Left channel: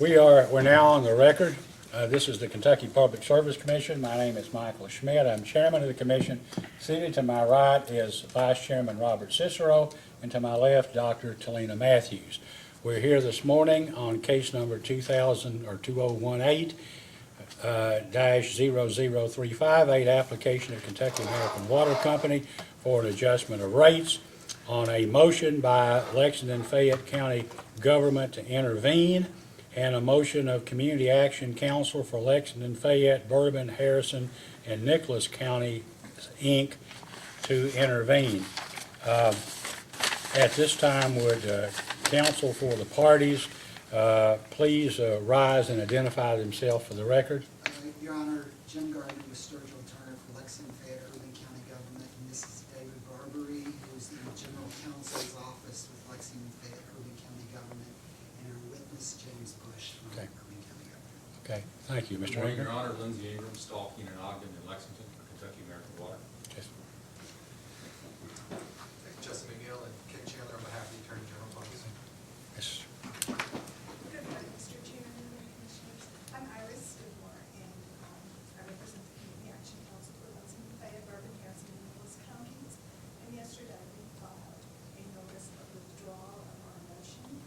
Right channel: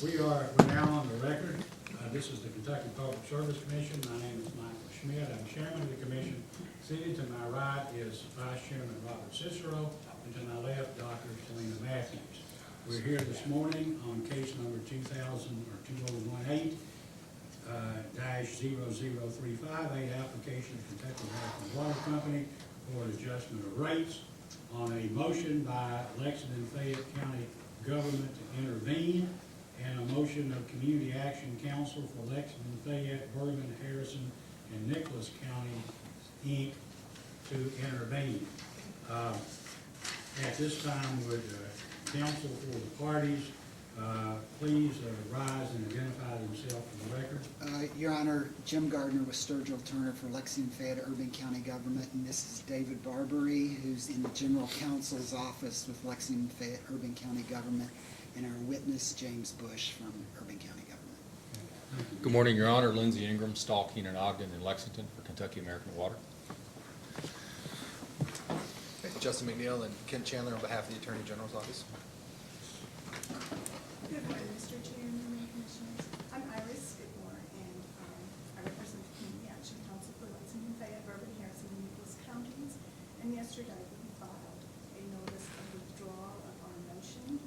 We're now on the record. This is the Kentucky Public Service Commission. My name is Michael Schmidt. I'm chairman of the commission. Seated to my right is Vice Chairman Robert Cicero, and to my left, Dr. Talina Matthews. We're here this morning on case number 2018 -00358, application of Kentucky American Water Company for an adjustment of rates on a motion by Lexington Fayette County government to intervene, and a motion of Community Action Council for Lexington, Fayette, Bourbon, Harrison, and Nicholas County, Inc. to intervene. At this time, would counsel for the parties please rise and identify themselves for the record? Your Honor, Jim Gardner with Sturgill Turner for Lexington Fayette Urban County Government, and this is David Barbary, who's in the General Counsel's office with Lexington Fayette Urban County Government, and our witness, James Bush from Urban County Government. Okay, thank you, Mr. Good morning, Your Honor. Lindsey Ingram, Stahl, Keenan, Ogden, in Lexington for Kentucky American Water. Justin McNeil and Ken Chandler on behalf of the Attorney General's office. Yes. Good morning, Mr. Chairman and Commissioners. I'm Iris Skidmore, and I represent the Community Action Council for Lexington, Fayette, Bourbon, Harrison, and Nicholas counties. And yesterday, we filed a notice of withdrawal of our motion,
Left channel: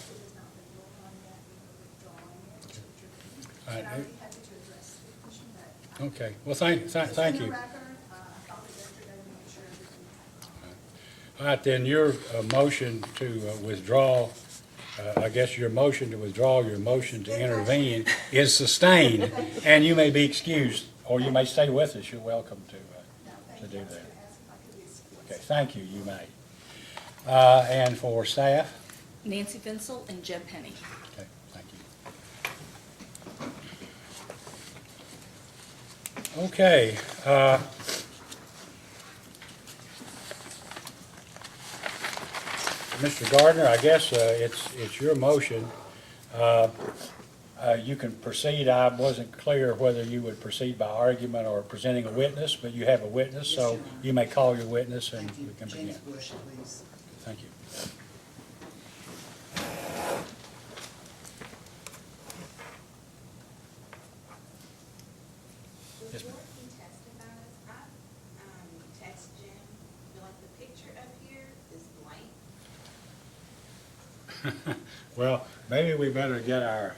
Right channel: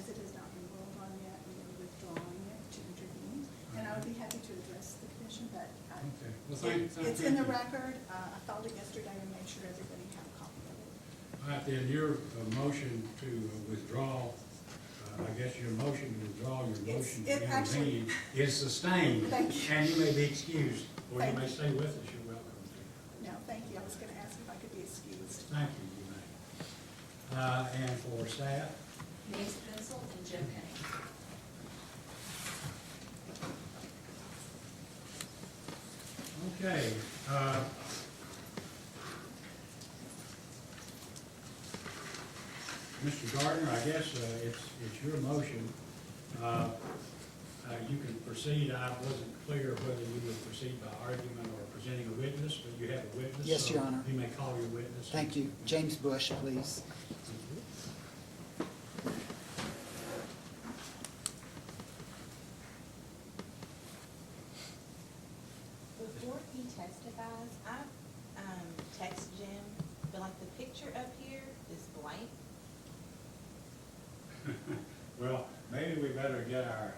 as it has not been ruled on yet, and we're withdrawing it to intervene. And I would be happy to address the commission, but Okay, well, thank it's you. in the record. I filed it yesterday to make sure everybody had a copy. All right, then your motion to withdraw, I guess your motion to withdraw your motion to intervene is sustained, and you may be excused, or you may stay with us. You're welcome to No, thank do you. I was that. going to ask if I could be excused. Okay, thank you, you may. And for staff? Nancy Fensel and Jeb Penny. Okay, thank you. Okay, Mr. Gardner, I guess it's your motion. You can proceed. I wasn't clear whether you would proceed by argument or presenting a witness, but you have a witness, Yes, so Your Honor. you may call your witness. and Thank you. we can James begin. Bush, please. Thank you. Yes, Before he testifies, I text Jim, but like the picture up here is blank. Well, maybe we better get our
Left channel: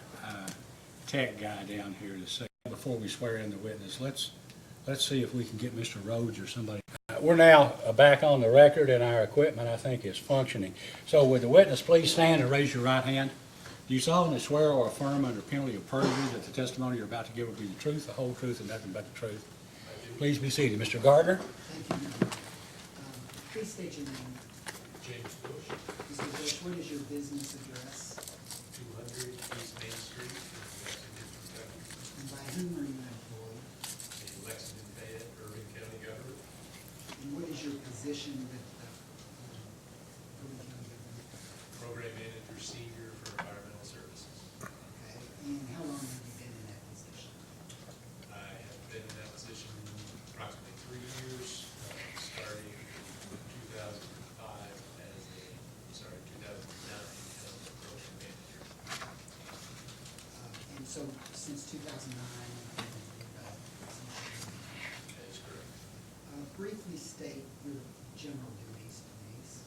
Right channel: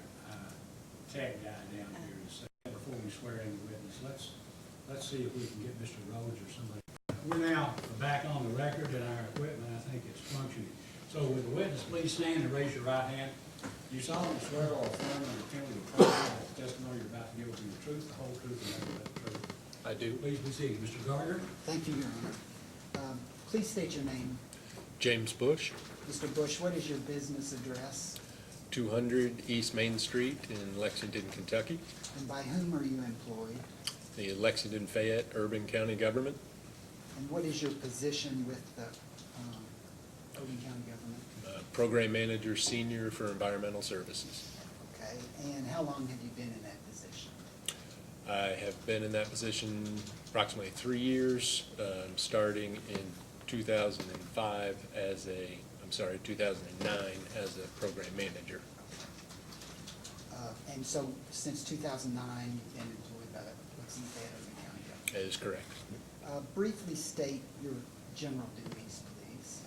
tech guy down here to say, before we swear in the witness, let's see if we can get Mr. Rhodes or somebody. We're now back on the record, and our equipment, I think, is functioning. So would the witness please stand and raise your right hand? Do you solemnly swear or affirm under penalty of perjury that the testimony you're about to give will be the truth, the whole truth, and nothing but the truth? I do. Please be seated. Mr. Gardner? Thank you, Your Honor. Please state your name. James Bush, Mr. Bush, what is your business address, 200 East Main Street in Lexington, Kentucky. and by whom are you employed? The Lexington Fayette Urban County Government. And what is your position with the Urban County Government? Program Manager Senior for Environmental Services. Okay, and how long have you been in that position? I have been in that position approximately 3 years, starting in 2005 as 2009 as a program manager. And so, since 2009, you've been employed by Lexington Fayette. That is correct. Briefly state your general duties, please.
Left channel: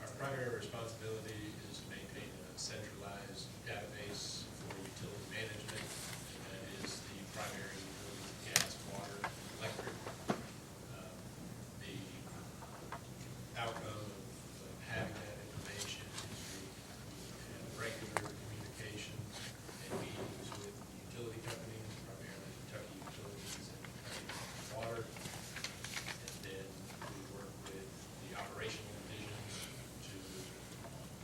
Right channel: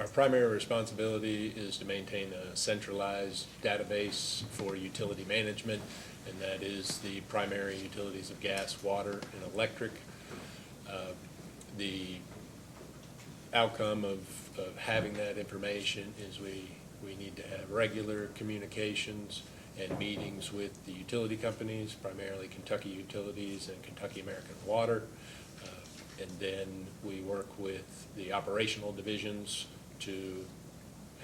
Our primary responsibility is to maintain a centralized database for utility management, and that is the primary utilities of gas, water, and electric. The outcome of having that information is we need to have regular communications and meetings with the utility companies, primarily Kentucky Utilities and Kentucky American Water. And then we work with the operational divisions to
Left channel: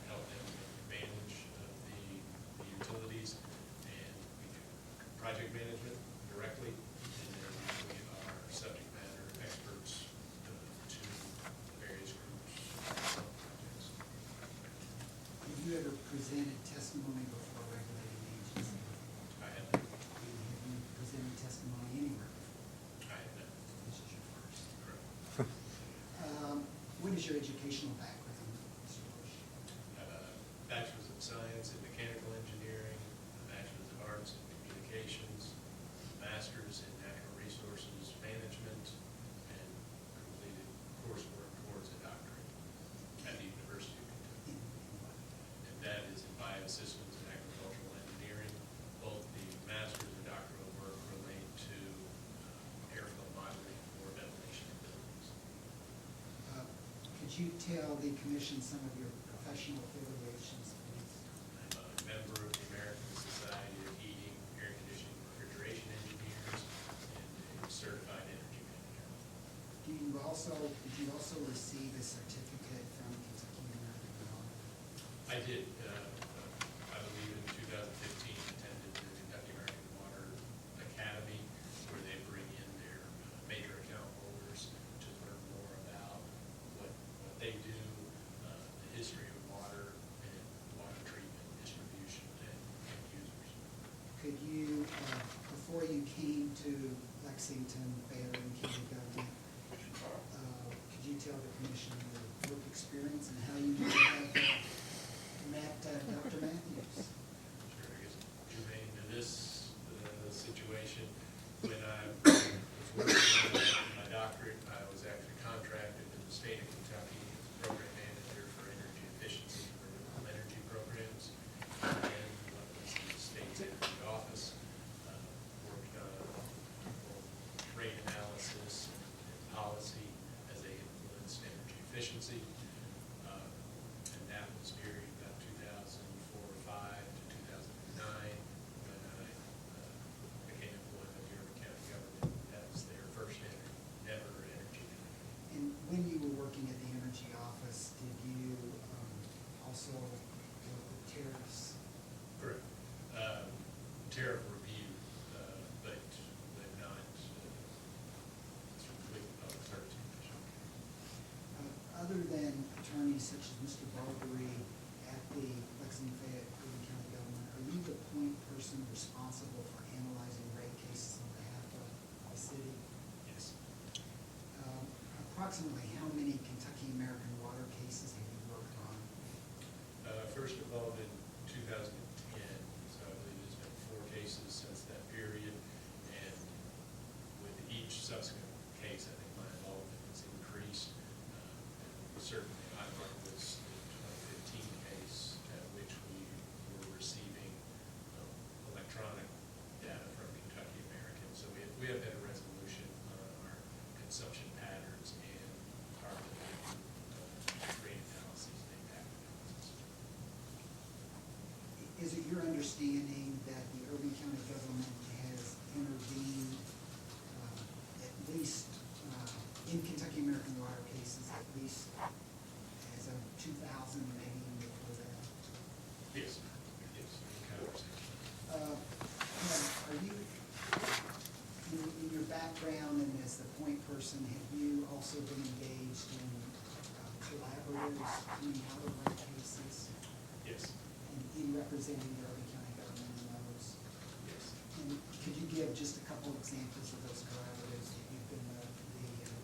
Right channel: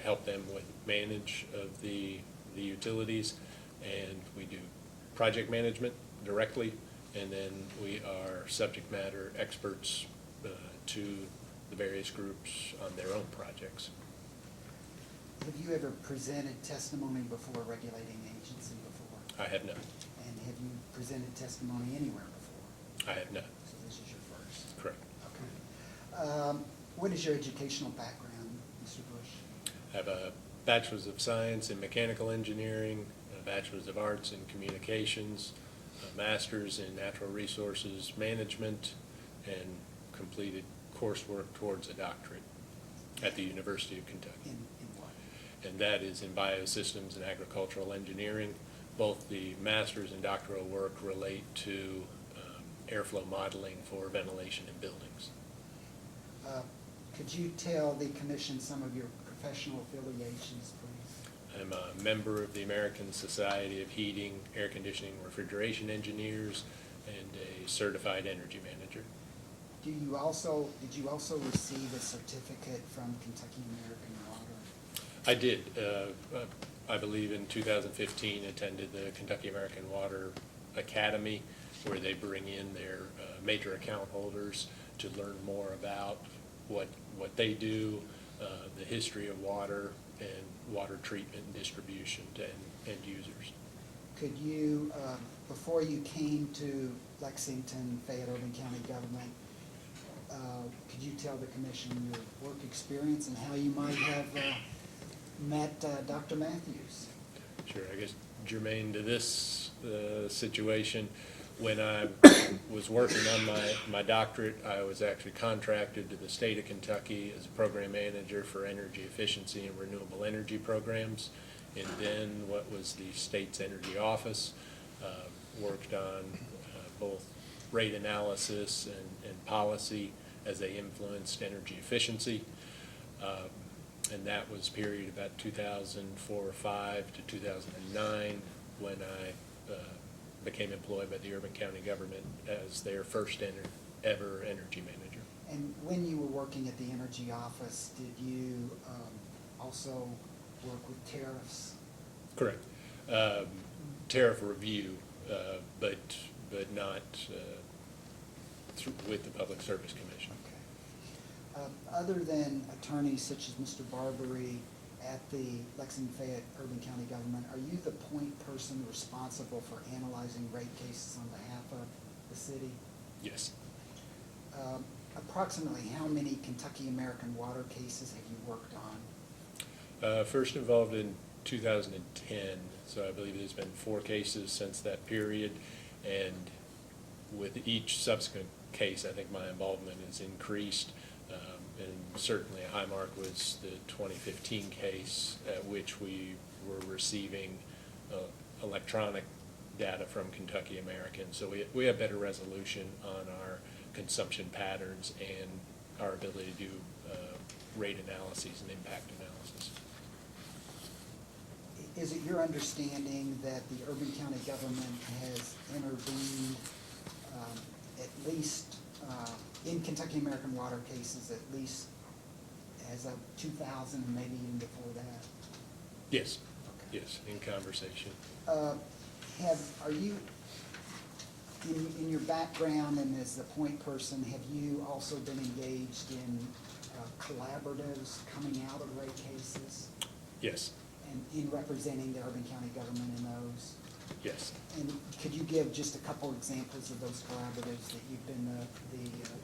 help them with manage of the utilities. And we do project management directly, and then we are subject matter experts to the various groups on their own projects. Have you ever presented testimony before a regulating agency before? I have not. And have you presented testimony anywhere before? I have not. This is your first. Correct. What is your educational background, Mr. Bush? I have a Bachelor's of Science in Mechanical Engineering a Bachelor's of Arts in Communications, a Master's in Natural Resources Management, and completed coursework towards a doctorate at the University of Kentucky. In what? And that is in Biosystems and Agricultural Engineering. Both the master's and doctoral work relate to airflow modeling for ventilation in buildings. Could you tell the commission some of your professional affiliations, please? I'm a member of the American Society of Heating, Air Conditioning, Refrigeration Engineers, and a certified energy manager. Did you also receive a certificate from Kentucky American Water? I did. I believe in 2015 attended the Kentucky American Water Academy, where they bring in their major account holders to learn more about what they do, the history of water, and water treatment and distribution to end users. Could you, before you came to Lexington, Fayette Urban County government, could you tell the commission your work experience and how you might have met Dr. Matthews? Sure, I guess germane to this situation, when I was working on my doctorate, I was actually contracted to the state of Kentucky as a program manager for energy efficiency and renewable energy programs. And then what was the state's energy office, worked on both rate analysis and policy as they influenced energy efficiency. And that was period about 2004 or 5 to 2009 when I became employed by the Urban County government as their first ever energy manager. And when you were working at the energy office, did you also work with tariffs? Correct. Tariff review, but not with the Public Service Commission. Other than attorneys such as Mr. Barbary at the Lexington Fayette Urban County government, are you the point person responsible for analyzing rate cases on behalf of the city? Yes. Approximately how many Kentucky American Water cases have you worked on? First involved in 2010, so I believe there's been 4 cases since that period, and with each subsequent case, I think my involvement has increased, and certainly a high mark was the 2015 case at which we were receiving electronic data from Kentucky American, so we have better resolution on our consumption patterns and our ability to do rate analyses and impact analysis. Is it your understanding that the Urban County government has intervened at least in Kentucky American Water cases, at least as of 2000, maybe even before that? Yes, yes, in conversation. Are you, in your background and as the point person, have you also been engaged in collaboratives coming out of rate cases Yes, and in representing the Urban County government in those? yes. And could you give just a couple examples of those collaboratives that you've been the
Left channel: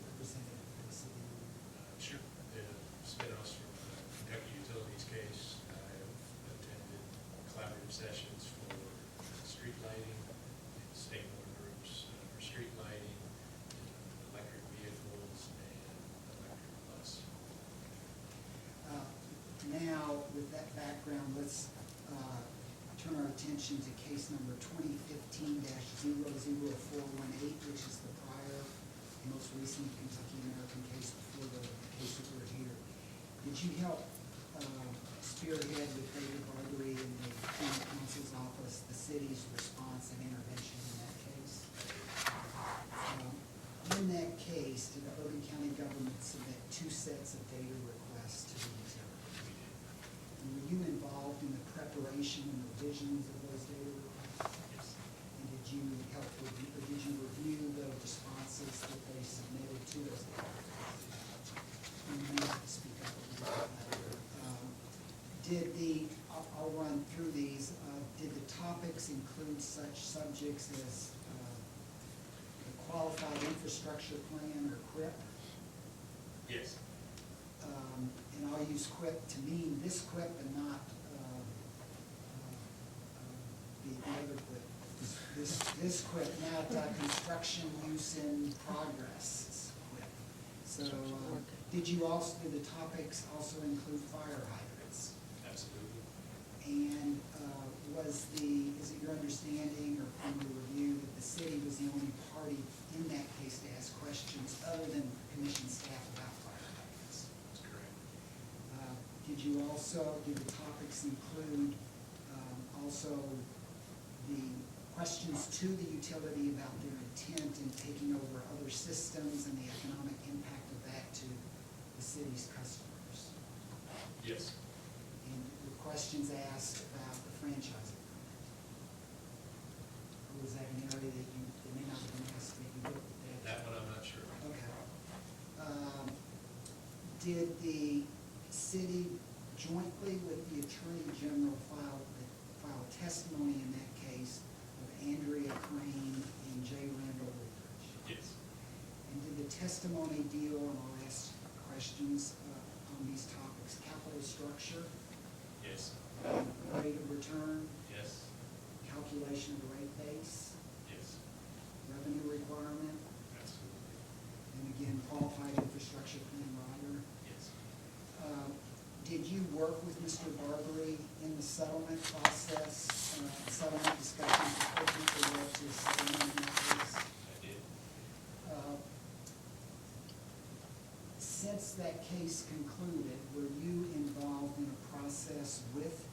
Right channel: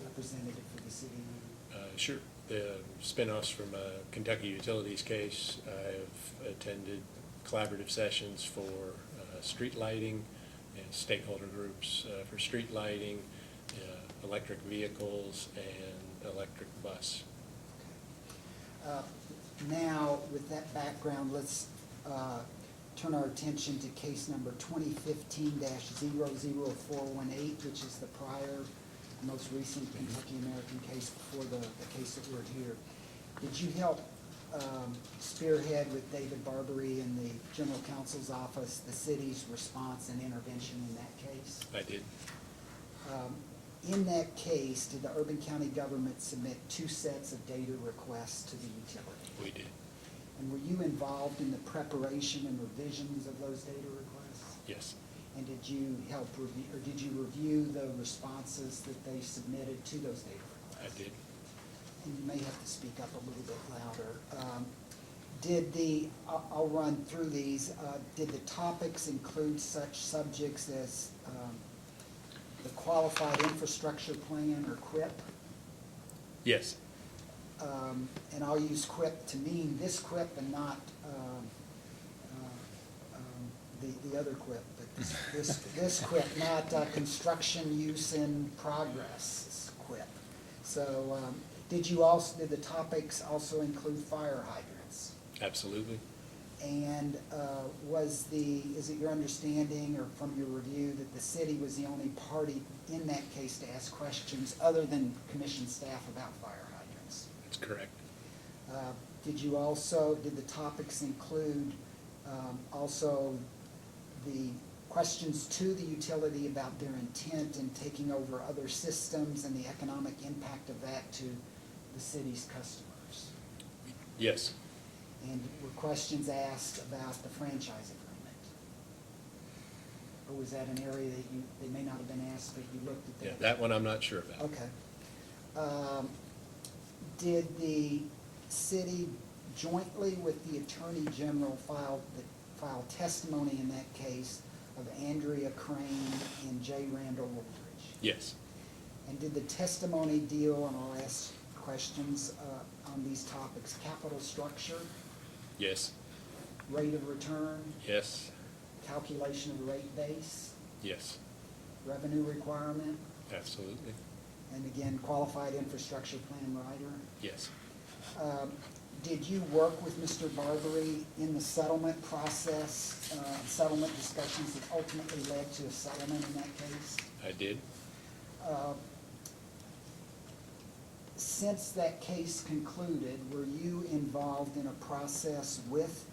representative for the city? Sure. The spinoffs from Kentucky Utilities case, I've attended collaborative sessions for street lighting, and stakeholder groups for street lighting, electric vehicles, and electric bus. Now, with that background, let's turn our attention to case number 2015-00418, which is the prior, most recent Kentucky American case before the case that we're here. Did you help spearhead with David Barbary in the General Counsel's office the city's response and intervention in that case? I did. In that case, did the Urban County government submit 2 sets of data requests to the utility? We did. And were you involved in the preparation and revisions of those data requests? Yes. And did you help review, or did you review the responses that they submitted to those data requests? I did. You may have to speak up a little bit louder. I'll run through these. Did the topics include such subjects as the Qualified Infrastructure Plan, or QUIP? Yes. And I'll use QUIP to mean this QUIP and not the other quip, but this quip, not construction use in progress is quip. So, did the topics also include fire hydrants? Absolutely. And is it your understanding or from the review that the city was the only party in that case to ask questions other than commission staff about fire hydrants? That's correct. Did the topics include also the questions to the utility about their intent in taking over other systems and the economic impact of that to the city's customers? Yes, And were questions asked about the franchise agreement? Or was that an area that they may not have been asked, but you looked at yeah, that? that one I'm not sure about. Okay. Did the city jointly with the Attorney General file testimony in that case of Andrea Crane and J. Randall Woodridge? Yes, And did the testimony deal, and I'll ask questions on these topics, capital structure, yes, rate of return, yes, calculation of rate base, yes, revenue requirement, absolutely, and again, qualified infrastructure plan writer? yes. Did you work with Mr. Barbary in the settlement process, settlement discussions that ultimately led to a settlement in that case? I did. Since that case concluded, were you involved in a process with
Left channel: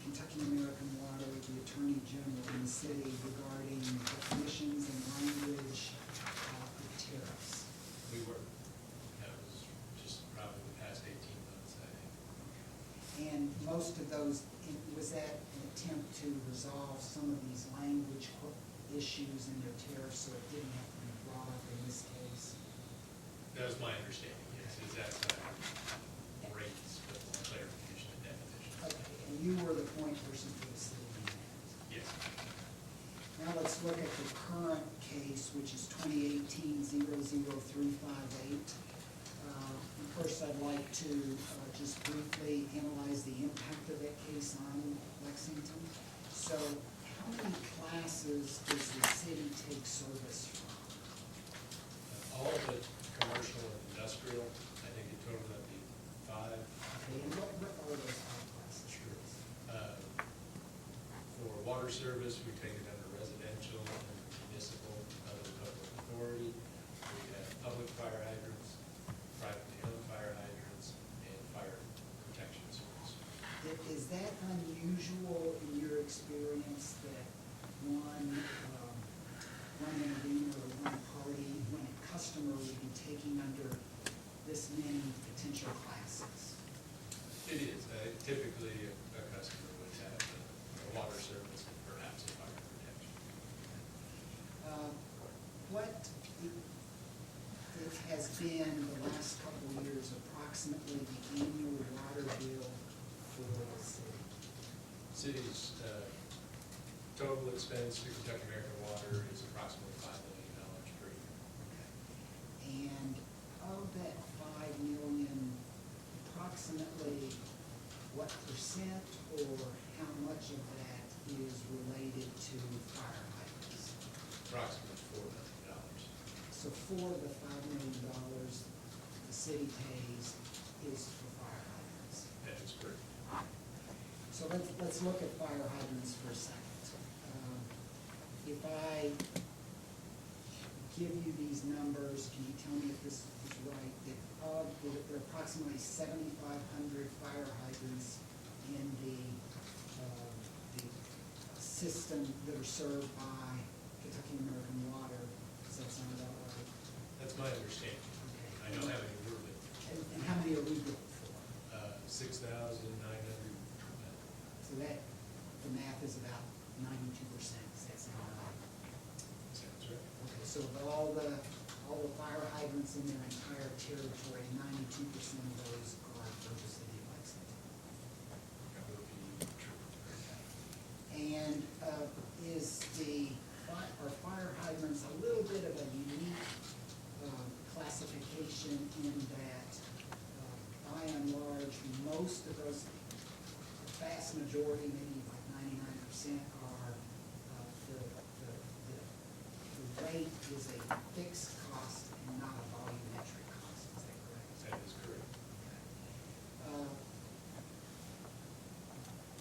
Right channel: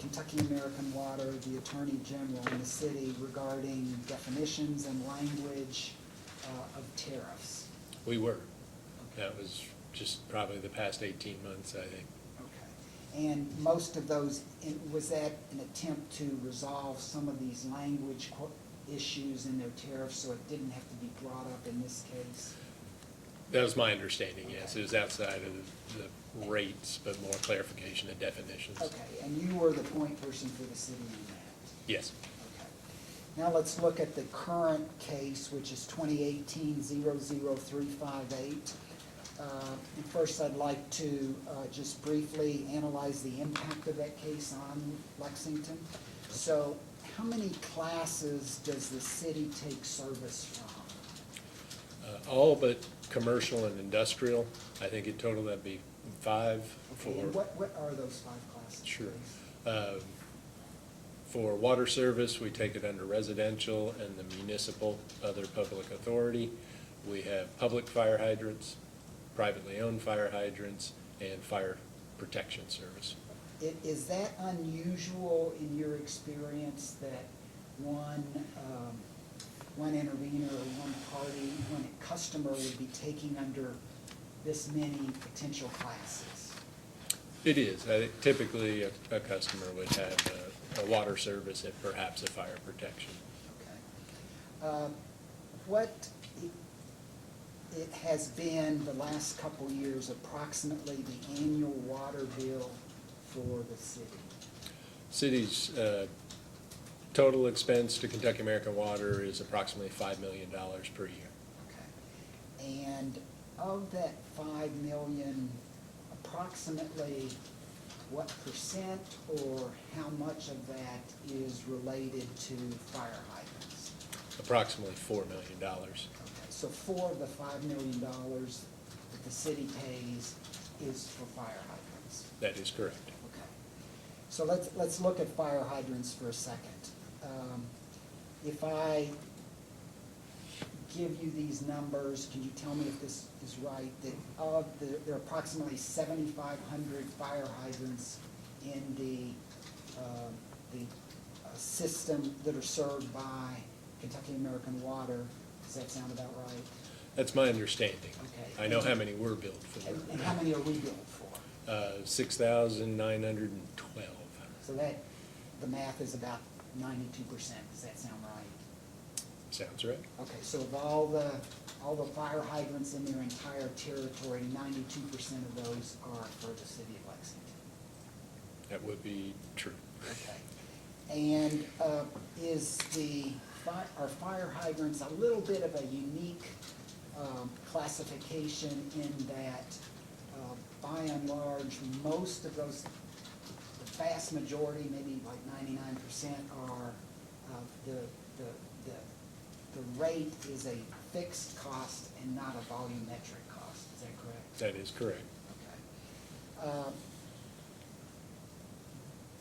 Kentucky American Water, the Attorney General, and the city regarding definitions and language of tariffs? We were. That was just probably the past 18 months, I think. Okay. And most of those, was that an attempt to resolve some of these language issues in their tariffs so it didn't have to be brought up in this case? That was my understanding, yes. It was outside of the rates, but more clarification and definitions. Okay, and you were the point person for the city on that? Yes. Now let's look at the current case, which is 2018-00358. First, I'd like to just briefly analyze the impact of that case on Lexington. So how many classes does the city take service from? All but commercial and industrial, I think in total that'd be 5 for. And what are those 5 classes? Sure. please? For water service, we take it under residential and the municipal, other public authority. We have public fire hydrants, privately owned fire hydrants, and fire protection service. Is that unusual in your experience that one intervener or one party, one customer would be taking under this many potential classes? It is. I think typically a customer would have a water service and perhaps a fire protection. What it has been the last couple of years, approximately the annual water bill for the city? City's total expense to Kentucky American Water is approximately $5 million per year. Okay. And of that 5 million, approximately what percent or how much of that is related to fire hydrants? Approximately $4 million. Okay, so 4 of the $5 million that the city pays is for fire hydrants. That is correct. Okay. So let's look at fire hydrants for a second. If I give you these numbers, can you tell me if this is right? That there are approximately 7,500 fire hydrants in the system that are served by Kentucky American Water. Does that sound about right? That's my understanding. Okay. I know how many were billed for. And how many are we billed for? 6,912. So that, the math is about 92%. Does that sound right? Sounds right. Okay, so of all the fire hydrants in their entire territory, 92% of those are for the city of Lexington. That would be true. Okay. And are fire hydrants a little bit of a unique classification in that, by and large, most of those, the vast majority, maybe like 99% percent are, the rate is a fixed cost and not a volumetric cost, is that correct? That is correct.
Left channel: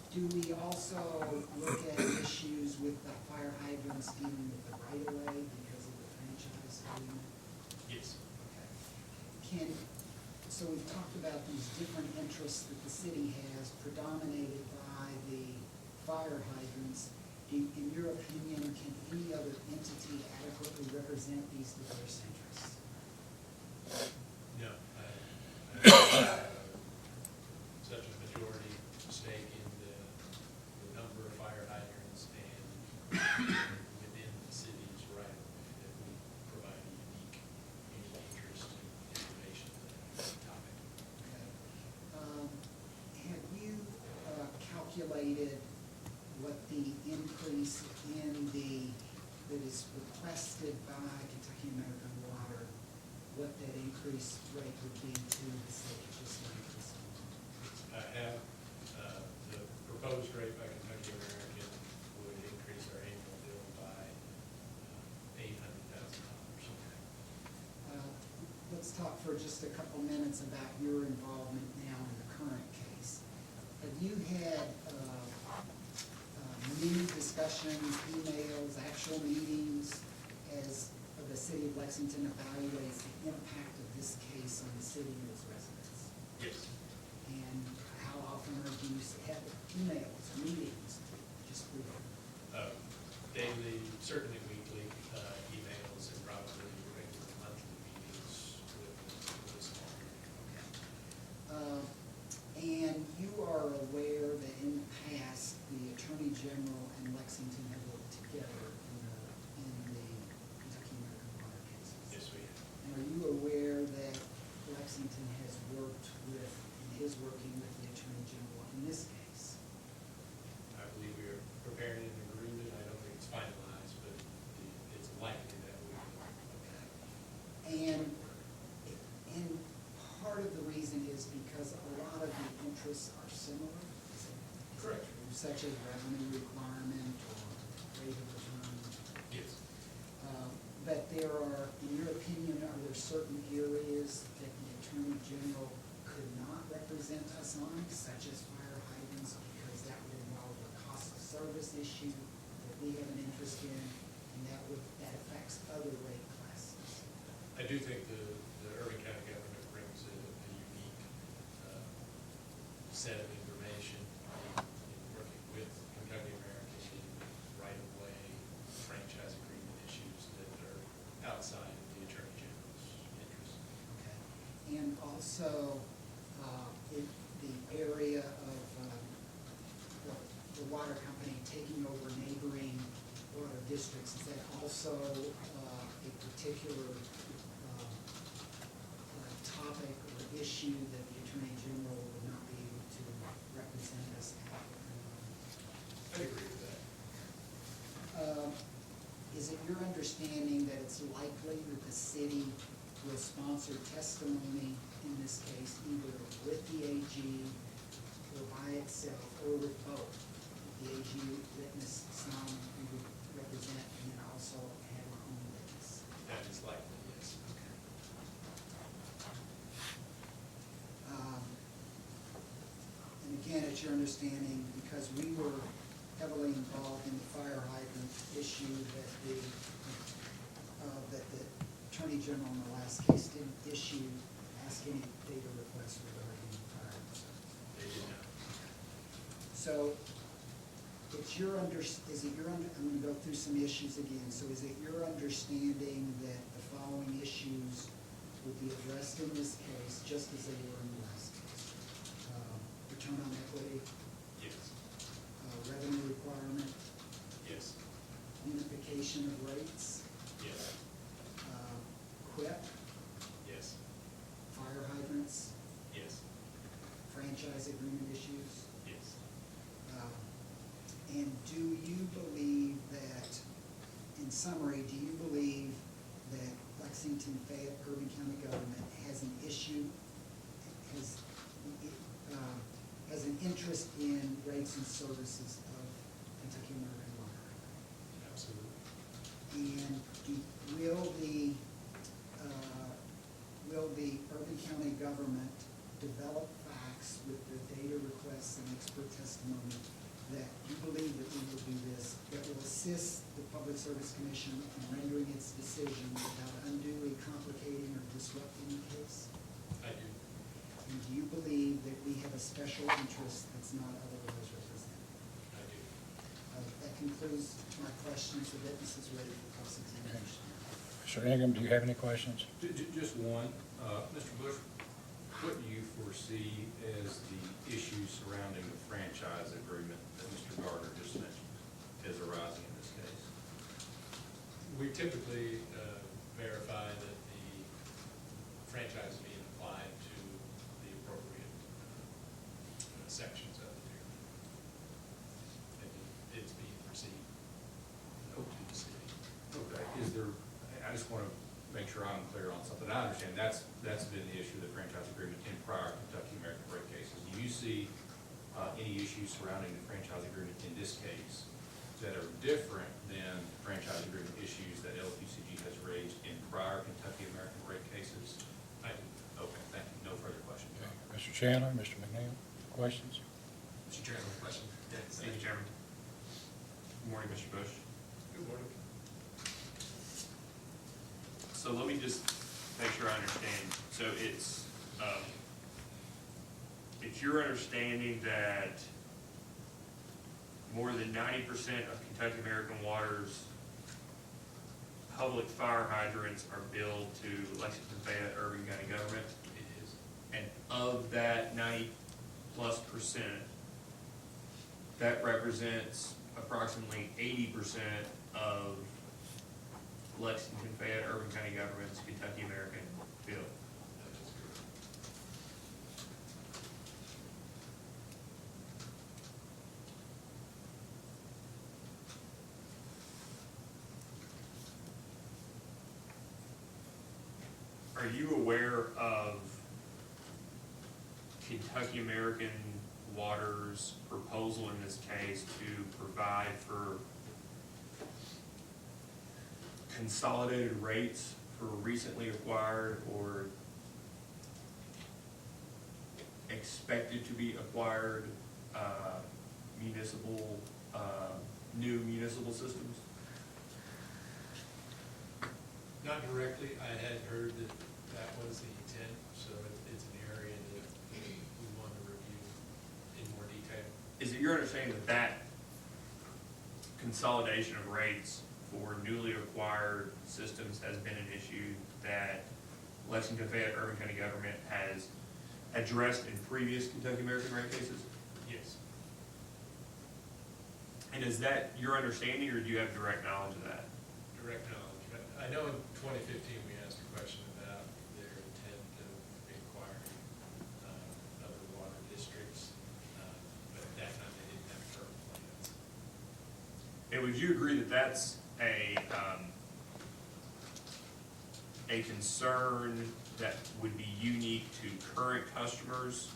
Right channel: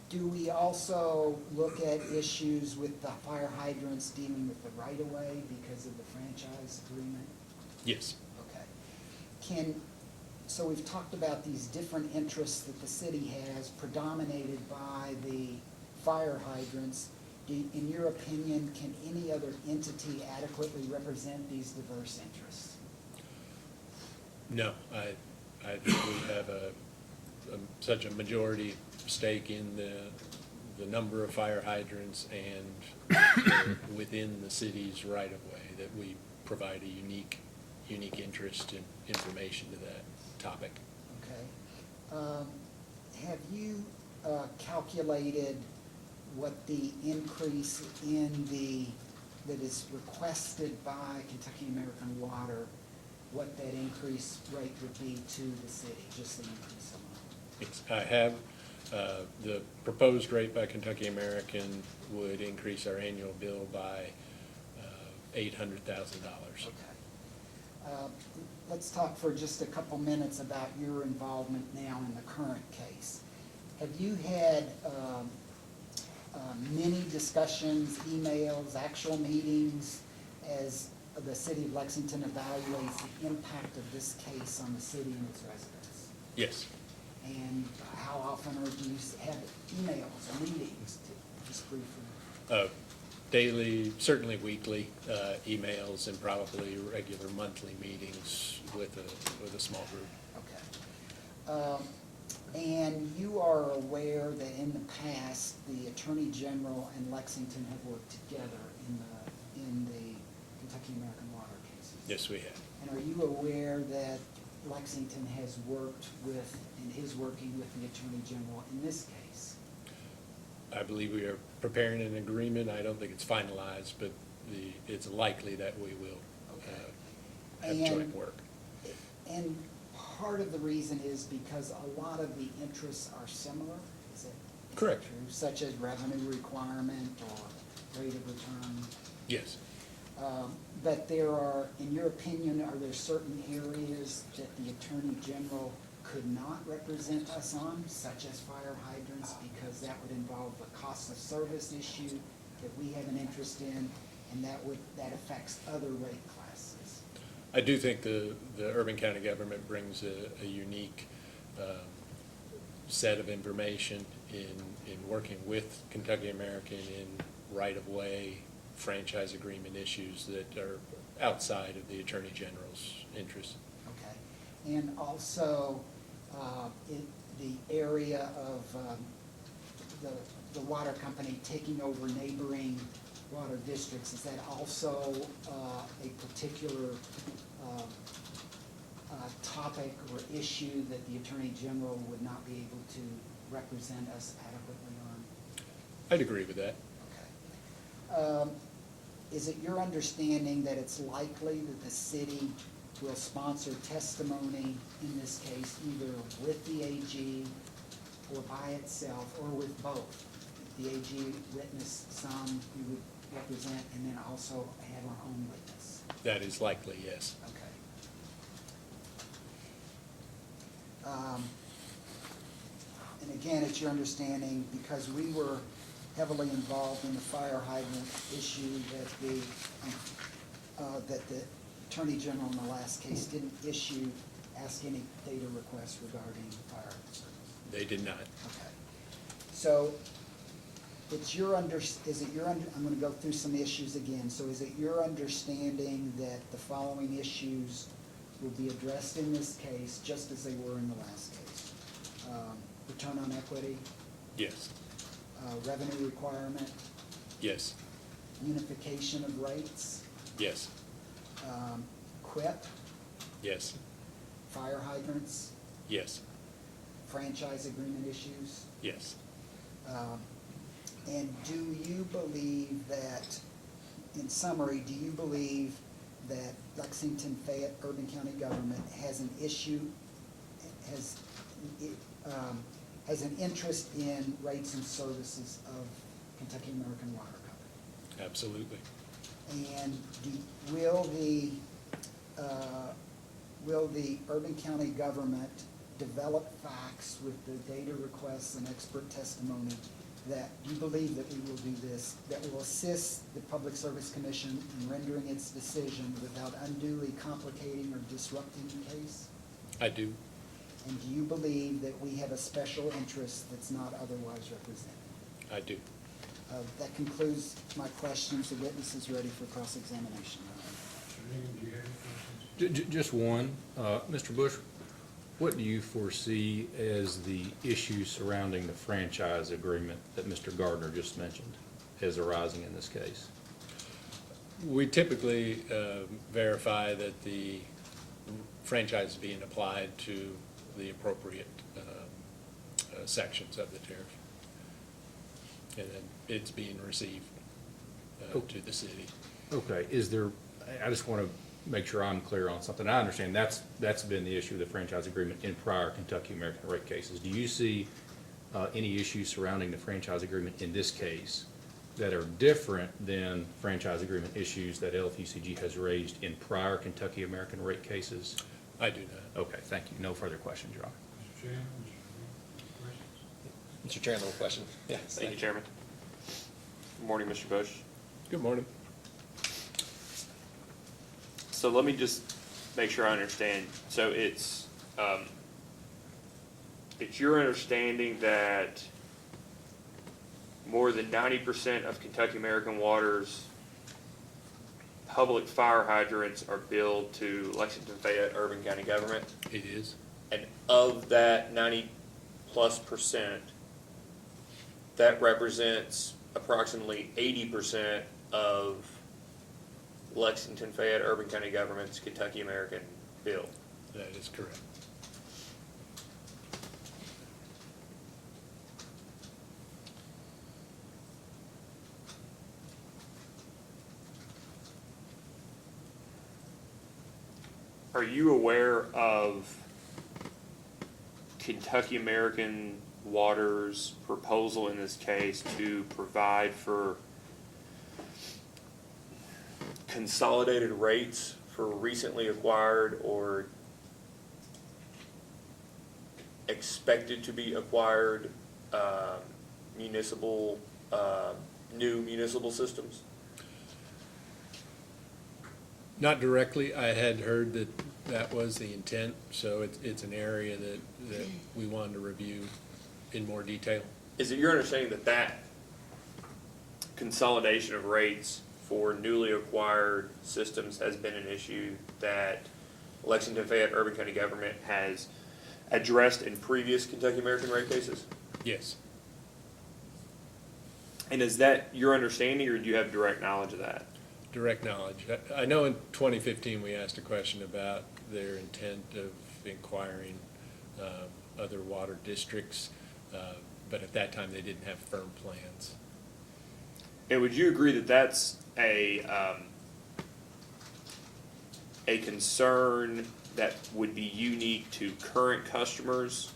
Do we also look at issues with the fire hydrants dealing with the right-of-way because of the franchise agreement? Yes. Okay. So we've talked about these different interests that the city has predominated by the fire hydrants. In your opinion, can any other entity adequately represent these diverse interests? No, I don't have such a majority stake in the number of fire hydrants and within the city's right-of-way that we provide a unique interest and information to that topic. Okay. Have you calculated what the increase that is requested by Kentucky American Water, what that increase rate would be to the city, just the increase alone? I have, the proposed rate by Kentucky American would increase our annual bill by $800,000. Okay. Let's talk for just a couple minutes about your involvement now in the current case. Have you had many discussions, emails, actual meetings as the city of Lexington evaluates the impact of this case on the city and its residents? Yes. And how often do you have emails or meetings to just briefly? Daily, certainly weekly, emails and probably regular monthly meetings with a small group. Okay. And you are aware that in the past, the Attorney General and Lexington have worked together in the Kentucky American Water cases? Yes, we have. And are you aware that Lexington has worked with and is working with the Attorney General in this case? I believe we are preparing an agreement. I don't think it's finalized, but it's likely that we will have joint work. And part of the reason is because a lot of the interests are similar, is that Correct. true? Such as revenue requirement or rate of return. Yes. But there are, in your opinion, are there certain areas that the Attorney General could not represent us on, such as fire hydrants, because that would involve the cost of service issue that we have an interest in, and that affects other rate classes? I do think the Urban County government brings a unique set of information in working with Kentucky American in right-of-way franchise agreement issues that are outside of the Attorney General's interest. Okay. And also, the area of the water company taking over neighboring water districts, is that also a particular topic or issue that the Attorney General would not be able to represent us adequately on? I'd agree with that. Is it your understanding that it's likely that the city will sponsor testimony in this case, either with the AG or by itself, or with both? The AG witness some we would represent, and then also have our own witness? That is likely, yes. Okay. And again, it's your understanding, because we were heavily involved in the fire hydrant issue, that the Attorney General in the last case didn't ask any data requests regarding fire hydrants? They did not. Okay. So, I'm gonna go through some issues again. So is it your understanding that the following issues will be addressed in this case, just as they were in the last case? Return on equity, Yes. revenue requirement, Yes. unification of rates, Yes. QIP, Yes. fire hydrants, Yes. franchise agreement issues? Yes. And do you believe that, in summary, do you believe that Lexington Fayette Urban County government has an issue, has an interest in rates and services of Kentucky American Water Company. Absolutely. And will the Urban County government develop facts with the data requests and expert testimony that you believe that we will do this, that will assist the Public Service Commission in rendering its decision without unduly complicating or disrupting the case? I do. And do you believe that we have a special interest that's not otherwise represented? I do. That concludes my questions. The witness is ready for cross-examination. Mr. Ingram, do you have any questions? Just one. Mr. Bush, what do you foresee as the issues surrounding the franchise agreement that Mr. Gardner just mentioned as arising in this case? We typically verify that the franchise is being applied to the appropriate sections of the tariff. And then bids being received to the city. Okay, I just want to make sure I'm clear on something. I understand that's been the issue of the franchise agreement in prior Kentucky American rate cases. Do you see any issues surrounding the franchise agreement in this case that are different than franchise agreement issues that LPCG has raised in prior Kentucky American rate cases? I do not. Okay, thank you. No further questions, Your Honor. Mr. Chandler, Mr. McNeil, questions? Mr. Chandler, question? Yeah. Thank you, Chairman. Good morning, Mr. Bush. Good morning. So let me just make sure I understand. So it's your understanding that more than 90% of Kentucky American Water's public fire hydrants are billed to Lexington Fayette Urban County Government, It is. and of that 90+%, that represents approximately 80% of Lexington Fayette Urban County Government's Kentucky American bill. That is correct. Are you aware of Kentucky American Water's proposal in this case to provide for consolidated rates for recently acquired or expected to be acquired municipal, new municipal systems? Not directly. I had heard that that was the intent, so it's an area that we wanted to review in more detail. Is it your understanding that that consolidation of rates for newly acquired systems has been an issue that Lexington Fayette Urban County Government has addressed in previous Kentucky American rate cases? Yes. And is that your understanding, or do you have direct knowledge of that? Direct knowledge. I know in 2015, we asked a question about their intent of inquiring other water districts, but at that time, they didn't have firm plans. And would you agree that that's a concern that would be unique to current customers?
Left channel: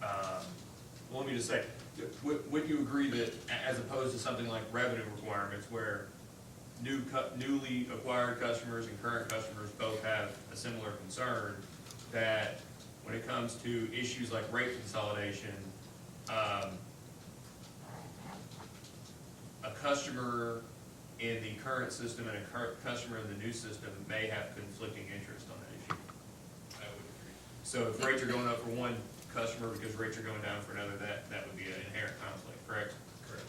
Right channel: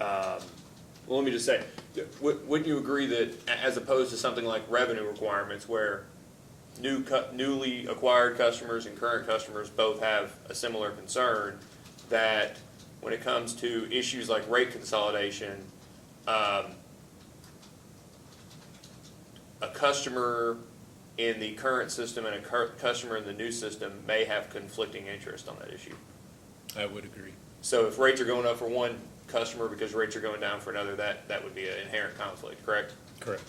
Well, let me just say, wouldn't you agree that as opposed to something like revenue requirements where newly acquired customers and current customers both have a similar concern, that when it comes to issues like rate consolidation, a customer in the current system and a customer in the new system may have conflicting interest on that issue? I would agree. So if rates are going up for one customer because rates are going down for another, that would be an inherent conflict, correct? Correct.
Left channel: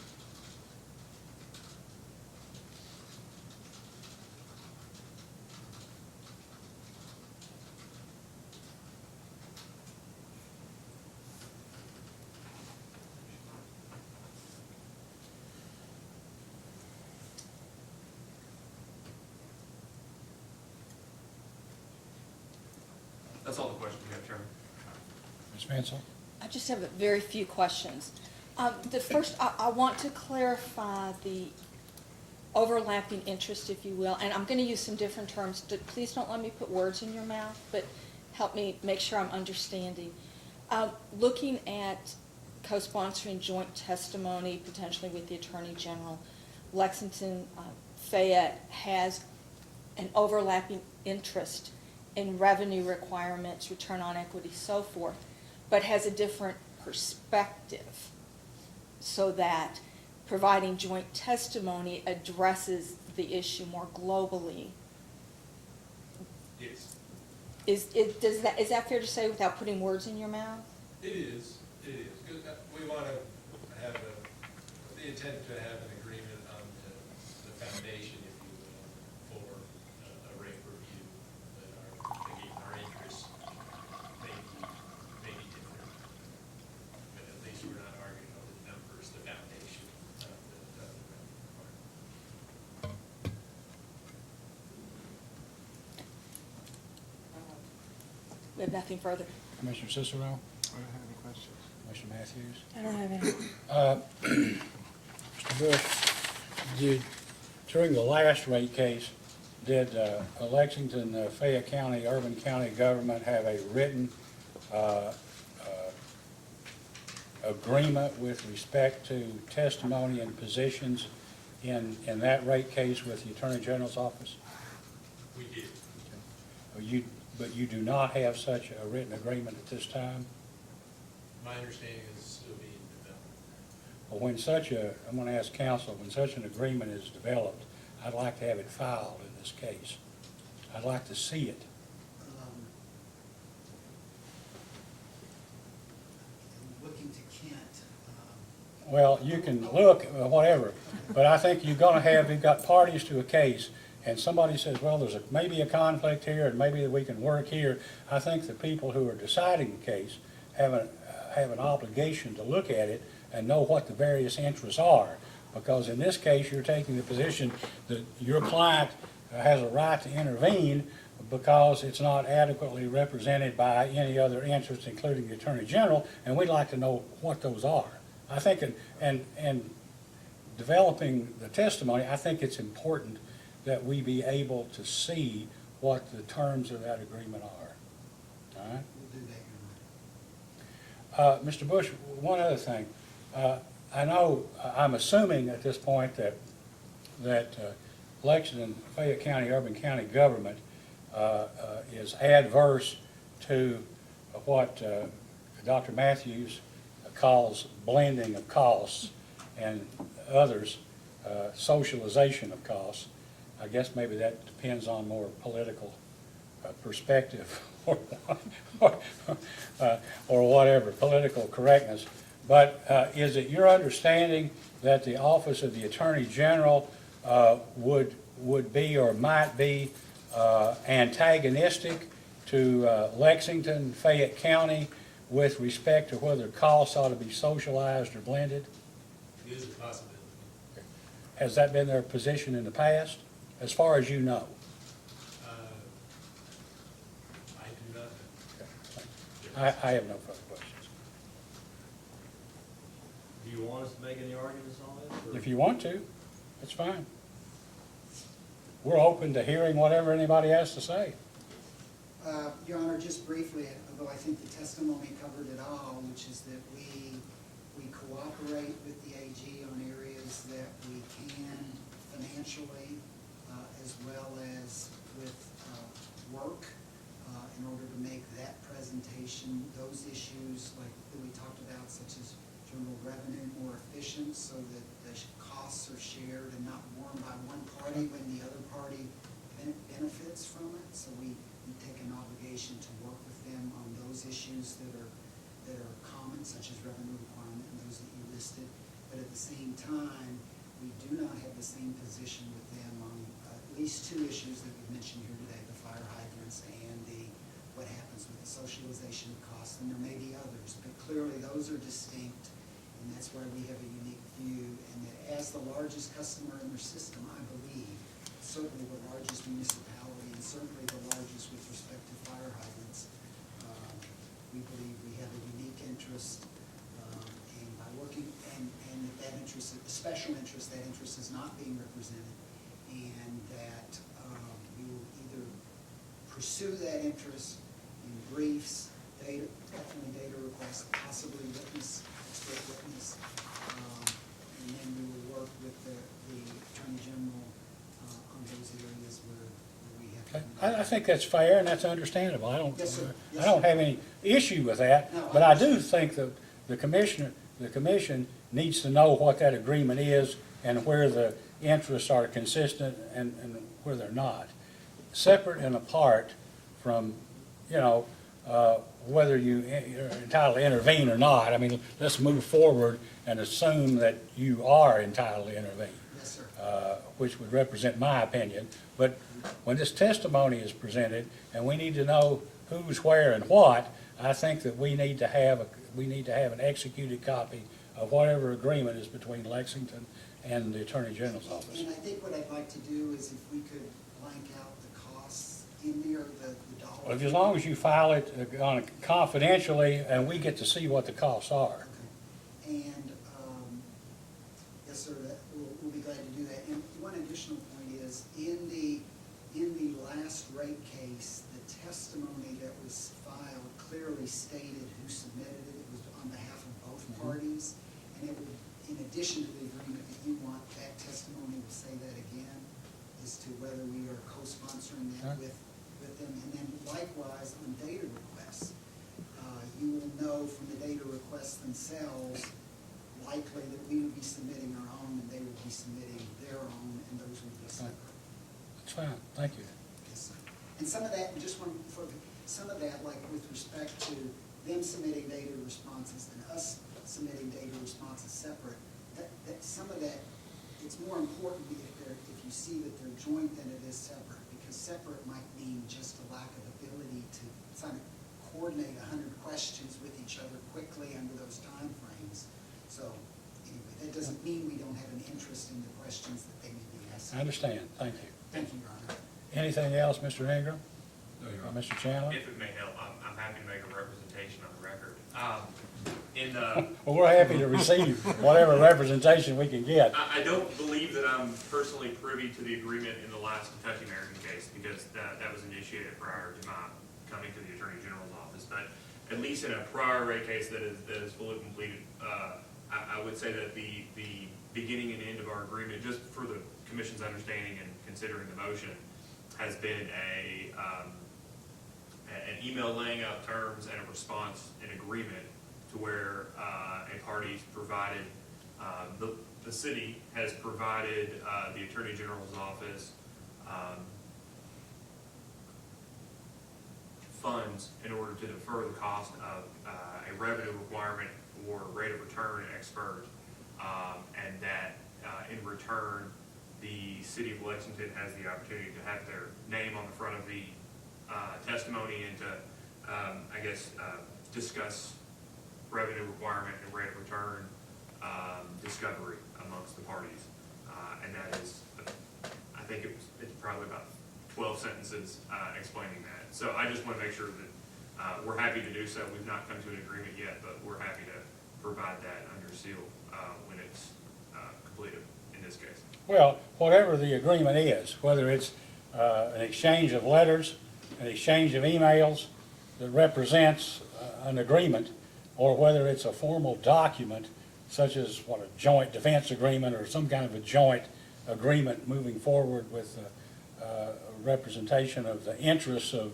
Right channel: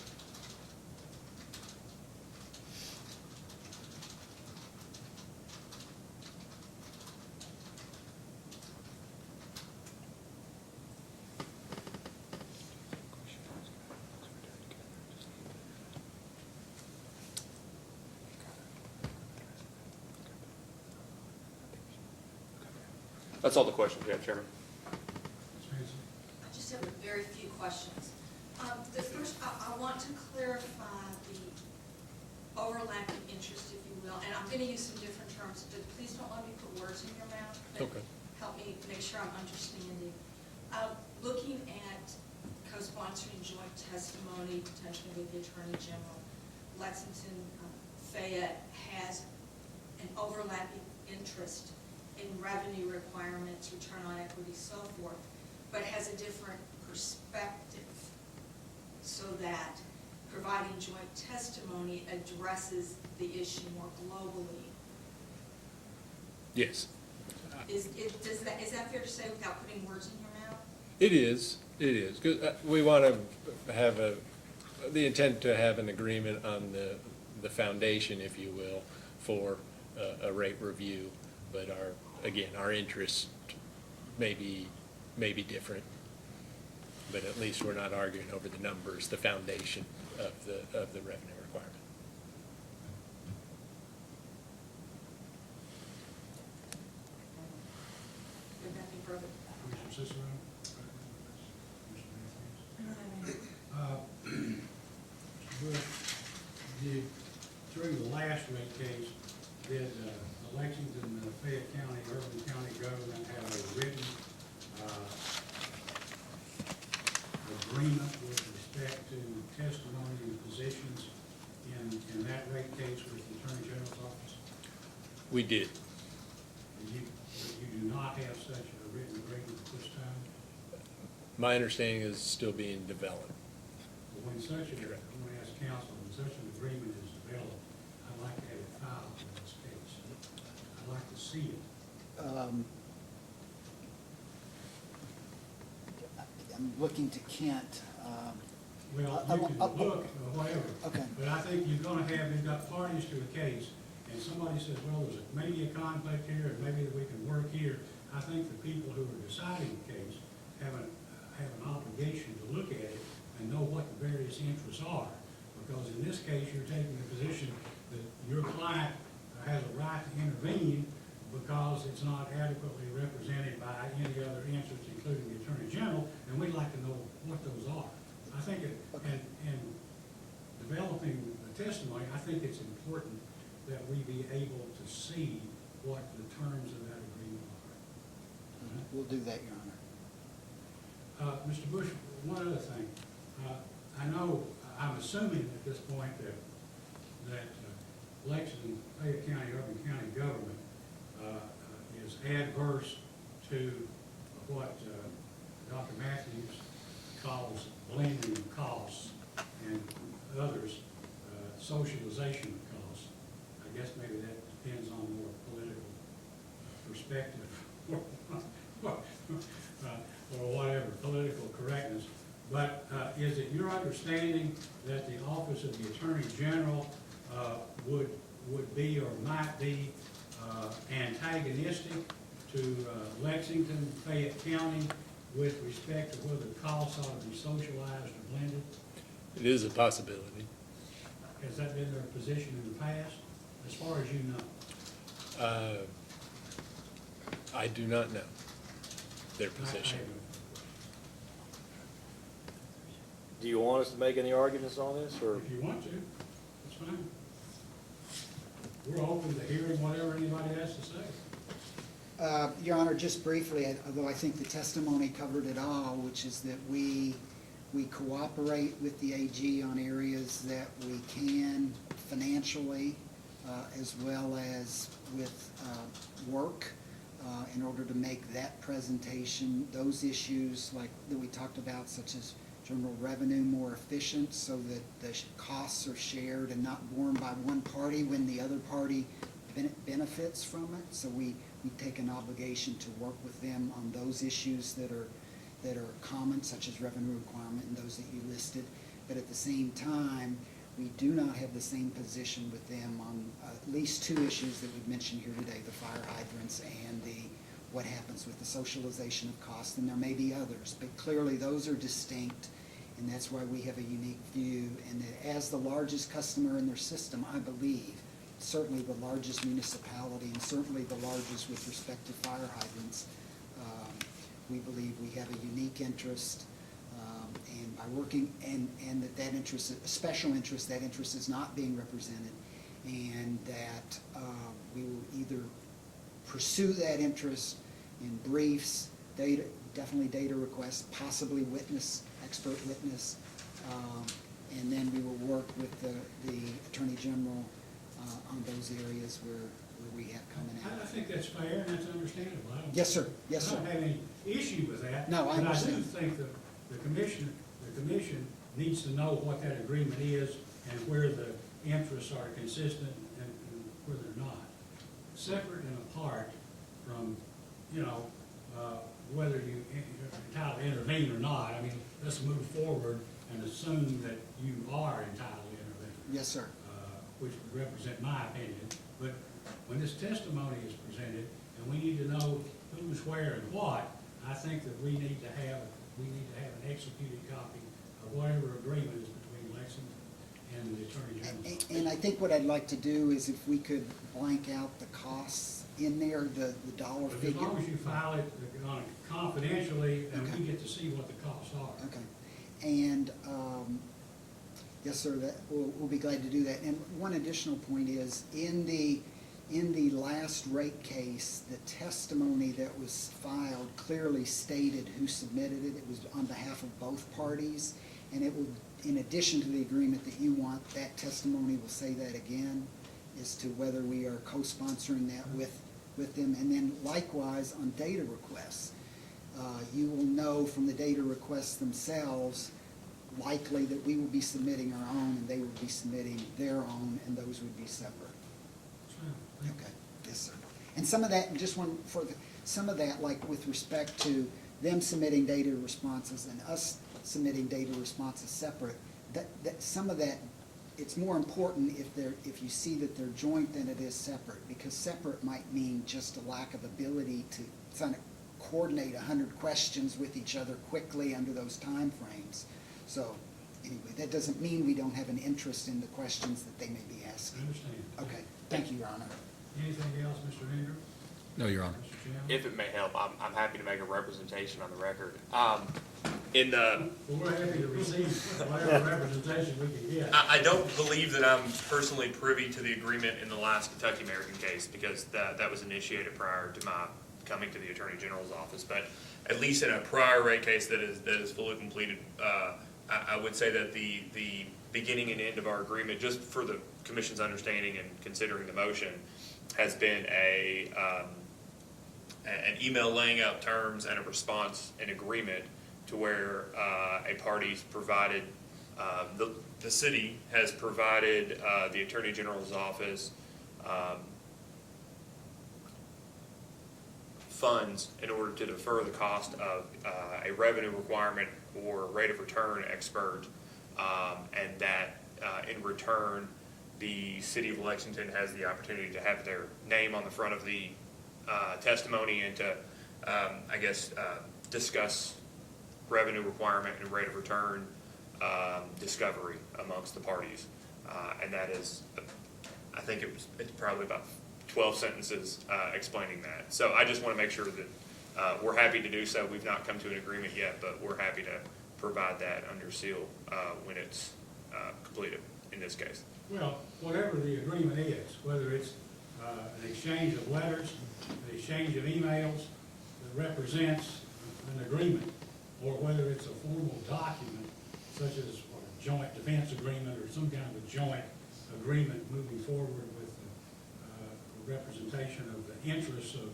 That's all the questions we have, Chairman. Ms. Mansell? I just have a very few questions. The first, I want to clarify the overlapping interest, if you will, and I'm going to use some different terms. Please don't let me put words in your mouth, but Okay. help me make sure I'm understanding. Looking at co-sponsoring joint testimony, potentially with the Attorney General. Lexington Fayette has an overlapping interest in revenue requirements, return on equity, so forth, but has a different perspective, so that providing joint testimony addresses the issue more globally. Yes, Is that fair to say without putting words in your mouth? it is, 'Cause, we want to have the intent to have an agreement on the foundation, if you will, for a rate review, but our interests may be different, but at least we're not arguing over the numbers, the foundation of the revenue requirement. We have nothing further. Commissioner Cicero? I don't have any questions. Commissioner Matthews? I don't have any. Mr. Bush, during the last rate case, did Lexington, Fayette County, Urban County government have a written agreement with respect to testimony and positions in that rate case with the Attorney General's office? We did. But you do not have such a written agreement at this time? My understanding is still being developed. Well, I'm gonna ask counsel, when such an agreement is developed, I'd like to have it filed in this case. I'd like to see it. I'm looking to Kent. Well, you can look, whatever, Okay. but I think you've got parties to a case, and somebody says, well, there's maybe a conflict here, and maybe we can work here. I think the people who are deciding the case have an obligation to look at it and know what the various interests are. Because in this case, you're taking the position that your client has a right to intervene because it's not adequately represented by any other interest, including the Attorney General, and we'd like to know what those are. I think, and developing the testimony, I think it's important that we be able to see what the terms of that agreement are. All right? We'll do that, Your Honor. Mr. Bush, one other thing. I know, I'm assuming at this point that Lexington, Fayette County, Urban County government is adverse to what Dr. Matthews calls blending of costs and others, socialization of costs. I guess maybe that depends on more political perspective or whatever, political correctness. But is it your understanding that the Office of the Attorney General would be or might be antagonistic to Lexington, Fayette County with respect to whether costs ought to be socialized or blended? It is a possibility. Has that been their position in the past, as far as you know? I do not know their I position. have no further questions. Do you want us to make any arguments on this, or? If you want to, that's fine. We're open to hearing whatever anybody has to say. Your Honor, just briefly, although I think the testimony covered it all, which is that we cooperate with the AG on areas that we can financially, as well as with work, in order to make that presentation, those issues like that we talked about, such as general revenue more efficient so that the costs are shared and not borne by one party when the other party benefits from it. So we take an obligation to work with them on those issues that are common, such as revenue requirement and those that you listed. But at the same time, we do not have the same position with them on at least two issues that we've mentioned here today, the fire hydrants and what happens with the socialization of costs, and there may be others, but clearly those are distinct, and that's why we have a unique view. And that as the largest customer in their system, I believe, certainly the largest municipality, and certainly the largest with respect to fire hydrants, we believe we have a unique interest, and by working, and that interest, a special interest, that interest is not being represented, and that we will either pursue that interest in briefs, definitely data requests, possibly witness expert witness. And then we will work with the Attorney General on those areas where we have commonality. I think that's fair and that's understandable. I don't. Yes, sir. Yes, I don't sir. have any issue with that. No, I But I do understand. think that the commission needs to know what that agreement is and where the interests are consistent and where they're not. Separate and apart from, whether you're entitled to intervene or not. I mean, let's move forward and assume that you are entitled to intervene. Yes, sir. Which would represent my opinion. But when this testimony is presented, and we need to know who's where and what, I think that we need to have an executed copy of whatever agreement is between Lexington and the Attorney General's office. And I think what I'd like to do is if we could blank out the costs in there, the dollar. As long as you file it confidentially, and we get to see what the costs are. Okay. And, yes, sir, we'll be glad to do that. And one additional point is, in the last rate case, the testimony that was filed clearly stated who submitted it. It was on behalf of both parties. And it would, in addition to the agreement that you want, that testimony will say that again, as to whether we are co-sponsoring that with them. And then likewise, on data requests, you will know from the data requests themselves likely that we will be submitting our own and they will be submitting their own, and those would be separate. That's fine, thank you. Okay. Yes, sir. And some of that, just one some of that, like with respect to them submitting data responses and us submitting data responses separate, that some of that, it's more important if you see that they're joint than it is separate, because separate might mean just a lack of ability to kind of coordinate 100 questions with each other quickly under those time frames. So anyway, that doesn't mean we don't have an interest in the questions that they may be asking. I understand, thank Okay. you. Thank you, Your Honor. Anything else, Mr. Ingram? No, Your Honor. Mr. Chandler? If it may help, I'm happy to make a representation on the record. In the, Well, we're happy to receive whatever representation we can get. I don't believe that I'm personally privy to the agreement in the last Kentucky American case, because that was initiated prior to my coming to the Attorney General's office. But at least in a prior rate case that is fully completed, I would say that the beginning and end of our agreement, just for the Commission's understanding and considering the motion, has been an email laying out terms and a response and agreement to where a party's provided, the city has provided the Attorney General's office funds in order to defer the cost of a revenue requirement or rate of return expert, and that in return, the city of Lexington has the opportunity to have their name on the front of the testimony and to, discuss revenue requirement and rate of return discovery amongst the parties. And that is, I think it's probably about 12 sentences explaining that. So I just want to make sure that we're happy to do so. We've not come to an agreement yet, but we're happy to provide that under seal when it's completed in this case. Well, whatever the agreement is, whether it's an exchange of letters, an exchange of emails that represents an agreement, or whether it's a formal document such as a joint defense agreement or some kind of a joint agreement moving forward with representation of the interests of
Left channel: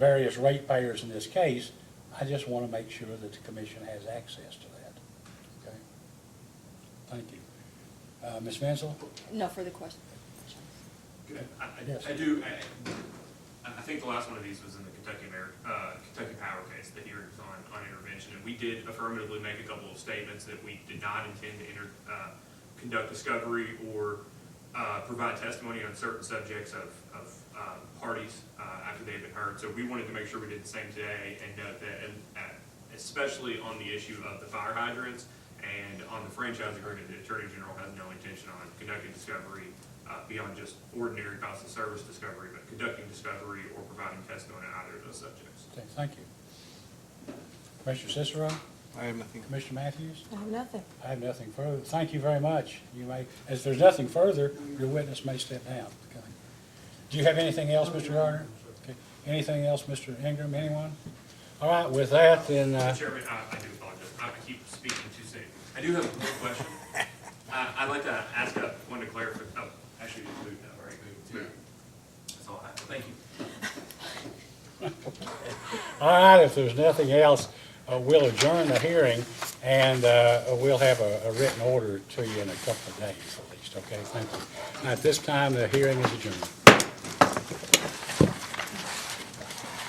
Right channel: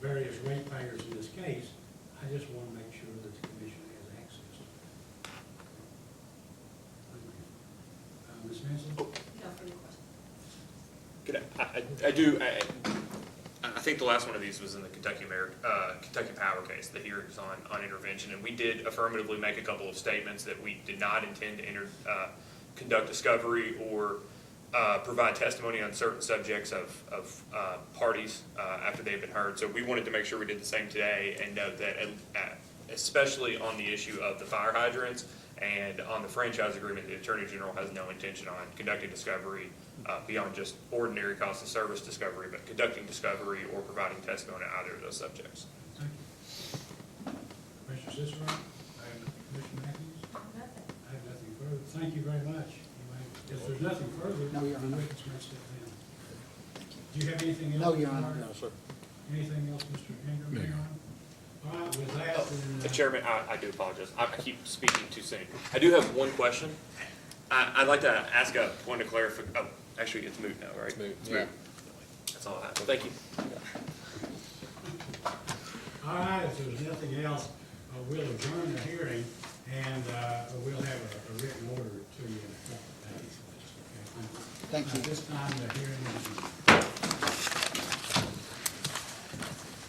various ratepayers in this case, I just want to make sure that the commission has access to that. Okay. Thank you. Ms. Mansell? No further questions. Good. I do, I think the last one of these was in the Kentucky Power case, the hearings on intervention, and we did affirmatively make a couple of statements that we did not intend to conduct discovery or provide testimony on certain subjects of parties after they've been heard. So we wanted to make sure we did the same today and note that, especially on the issue of the fire hydrants and on the franchise agreement, the Attorney General has no intention on conducting discovery beyond just ordinary cost of service discovery, but conducting discovery or providing testimony on either of those subjects. Okay, thank you. Commissioner Cicero? I have nothing. Commissioner Matthews? I have nothing. I have nothing further. Thank you very much. You may, if there's nothing further, No, Your the Honor. witness may step down. Do you have anything else, No, Mr. Your Honor. Gardner? Anything else, Mr. Ingram, anyone? All right, with that, then, Mr. Chairman, I do apologize. I keep speaking too soon. I do have one question. I'd like to ask a point of clarification. Oh, actually, it's moved now, right? Yeah. That's all I have. Well, thank you. all right, if there's nothing else, we'll adjourn the hearing, and we'll have a written order to you in a couple of days at least, okay? Thank you. Thank you. At this time, the hearing is adjourned.